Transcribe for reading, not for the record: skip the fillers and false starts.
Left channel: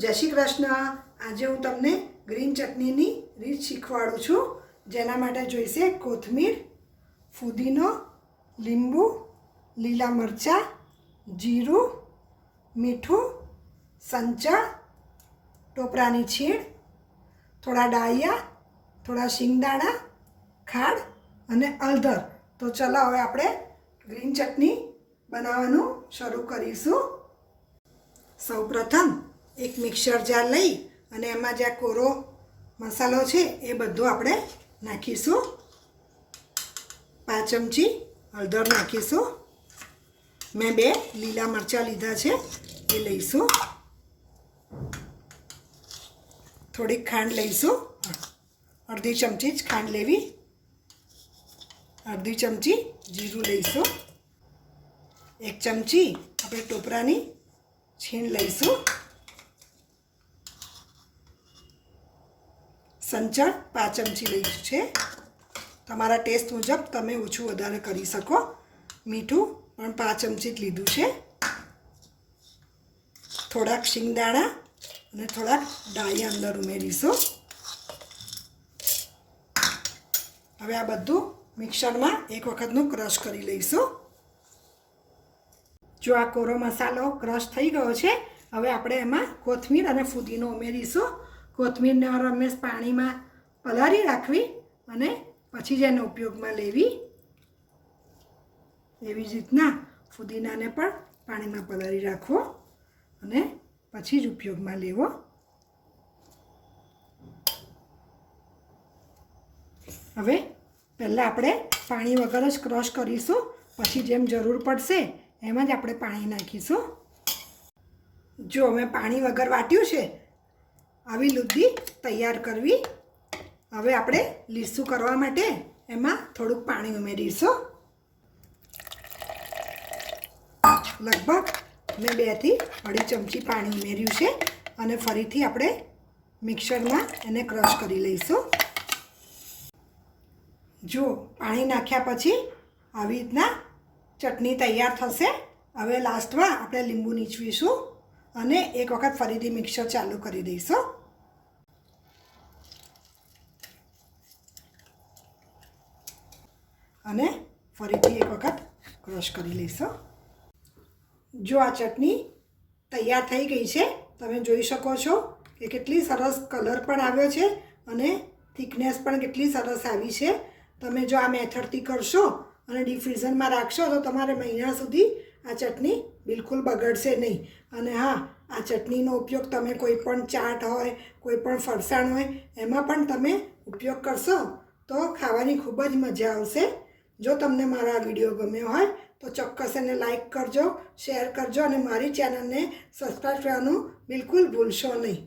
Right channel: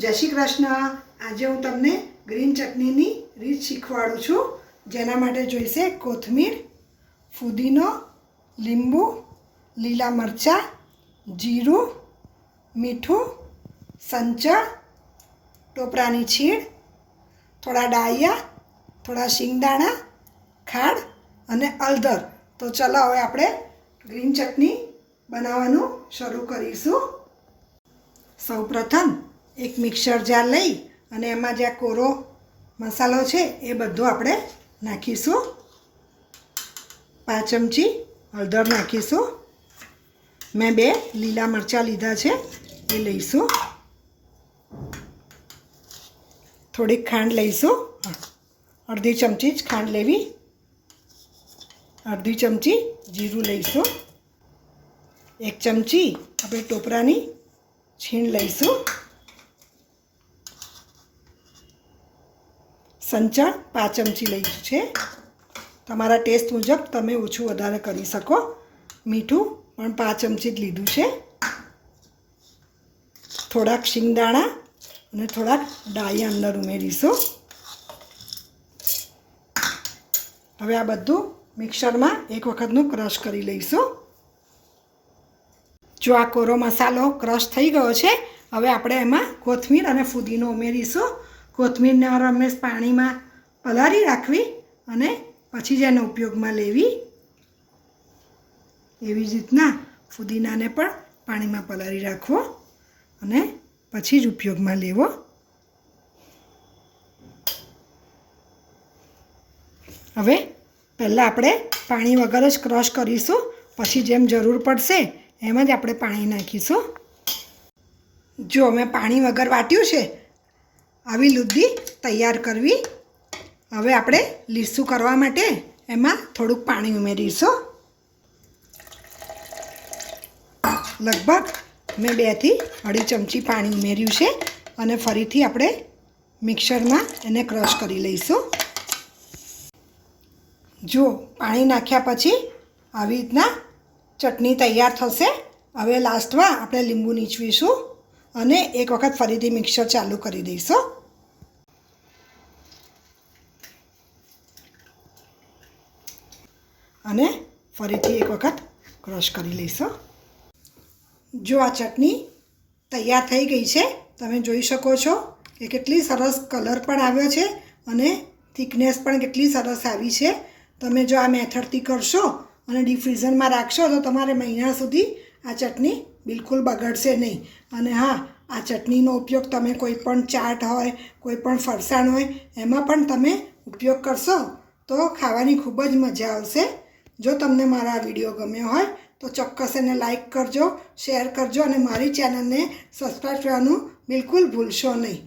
જય શ્રી કૃષ્ણ। આજે હું તમને ગ્રીન ચટણીની રીત શીખવાડું છું। જેના માટે જોઈશે કોથમીર, ફુદીનો, લીંબુ, લીલા મરચાં, જીરું, મીઠું, સંચળ, ટોપરાની છીણ, થોડા ડાળિયા, થોડા શિંગદાણા, ખાંડ અને હળદર। તો ચલો હવે આપણે ગ્રીન ચટણી બનાવવાનું શરૂ કરીશું। સૌપ્રથમ એક મિક્સર જાર લઈ અને એમાં જે કોરો મસાલો છે એ બધો આપણે નાખીશું। 5 ચમચી હળદર નાખીશું। મેં 2 લીલા મરચાં લીધા છે એ લઈશું। થોડીક ખાંડ લઈશું, અડધી ચમચી જ ખાંડ લેવી। અડધી ચમચી જીરું લઈશું। 1 ચમચી આપણે ટોપરાની છીણ લઈશું। સંચળ 5 ચમચી લઈશું છે। તમારા ટેસ્ટ મુજબ તમે ઓછું વધારે કરી શકો। મીઠું પણ 5 ચમચી જ લીધું છે। થોડાક શિંગદાણા અને થોડાક ડાળિયા અંદર ઉમેરીશું। હવે આ બધું મિક્સરમાં એક વખતનું ક્રશ કરી લઈશું। જો આ કોરો મસાલો ક્રશ થઈ ગયો છે, હવે આપણે એમાં કોથમીર અને ફુદીનો ઉમેરીશું। કોથમીરને રમેશ પાણીમાં પલાળી રાખવી અને પછી જ એનો ઉપયોગમાં લેવી। એવી જ રીતના ફુદીનાને પણ પાણીમાં પલાળી રાખવો અને પછી જ ઉપયોગમાં લેવો। હવે પહેલાં આપણે પાણી વગર જ ક્રશ કરીશું, પછી જેમ જરૂર પડશે એમ જ આપણે પાણી નાખીશું। જો મેં પાણી વગર વાટ્યું છે, આવી લુદ્દી તૈયાર કરવી। હવે આપણે લીસું કરવા માટે એમાં થોડુંક પાણી ઉમેરીશું। લગભગ મેં 2 થી 2.5 ચમચી પાણી ઉમેર્યું છે અને ફરીથી આપણે મિક્સરમાં એને ક્રશ કરી લઈશું। જો પાણી નાખ્યા પછી આવી રીતના ચટણી તૈયાર થશે। હવે લાસ્ટમાં આપણે લીંબુ નીચવીશું અને એક વખત ફરીથી મિક્સર ચાલુ કરી દઈશું। અને ફરીથી એક વખત ક્રશ કરી લઈશું। જો આ ચટણી તૈયાર થઈ ગઈ છે, તમે જોઈ શકો છો કે કેટલી સરસ કલર પણ આવ્યો છે અને થિકનેસ પણ કેટલી સરસ આવી છે। તમે જો આ મેથડથી કરશો અને ડીપ ફ્રીઝરમાં રાખશો તો તમારે મહિના સુધી આ ચટણી બિલકુલ બગડશે નહીં। અને હા, આ ચટણીનો ઉપયોગ તમે કોઈ પણ ચાટ હોય, કોઈ પણ ફરસાણ હોય એમાં પણ તમે ઉપયોગ કરશો તો ખાવાની ખૂબ જ મજા આવશે। જો તમને મારા વિડીયો ગમ્યો હોય તો ચોક્કસ એને લાઈક કરજો, શેર કરજો અને મારી ચેનલને સબસ્ક્રાઈબ કરવાનું બિલકુલ ભૂલશો નહીં।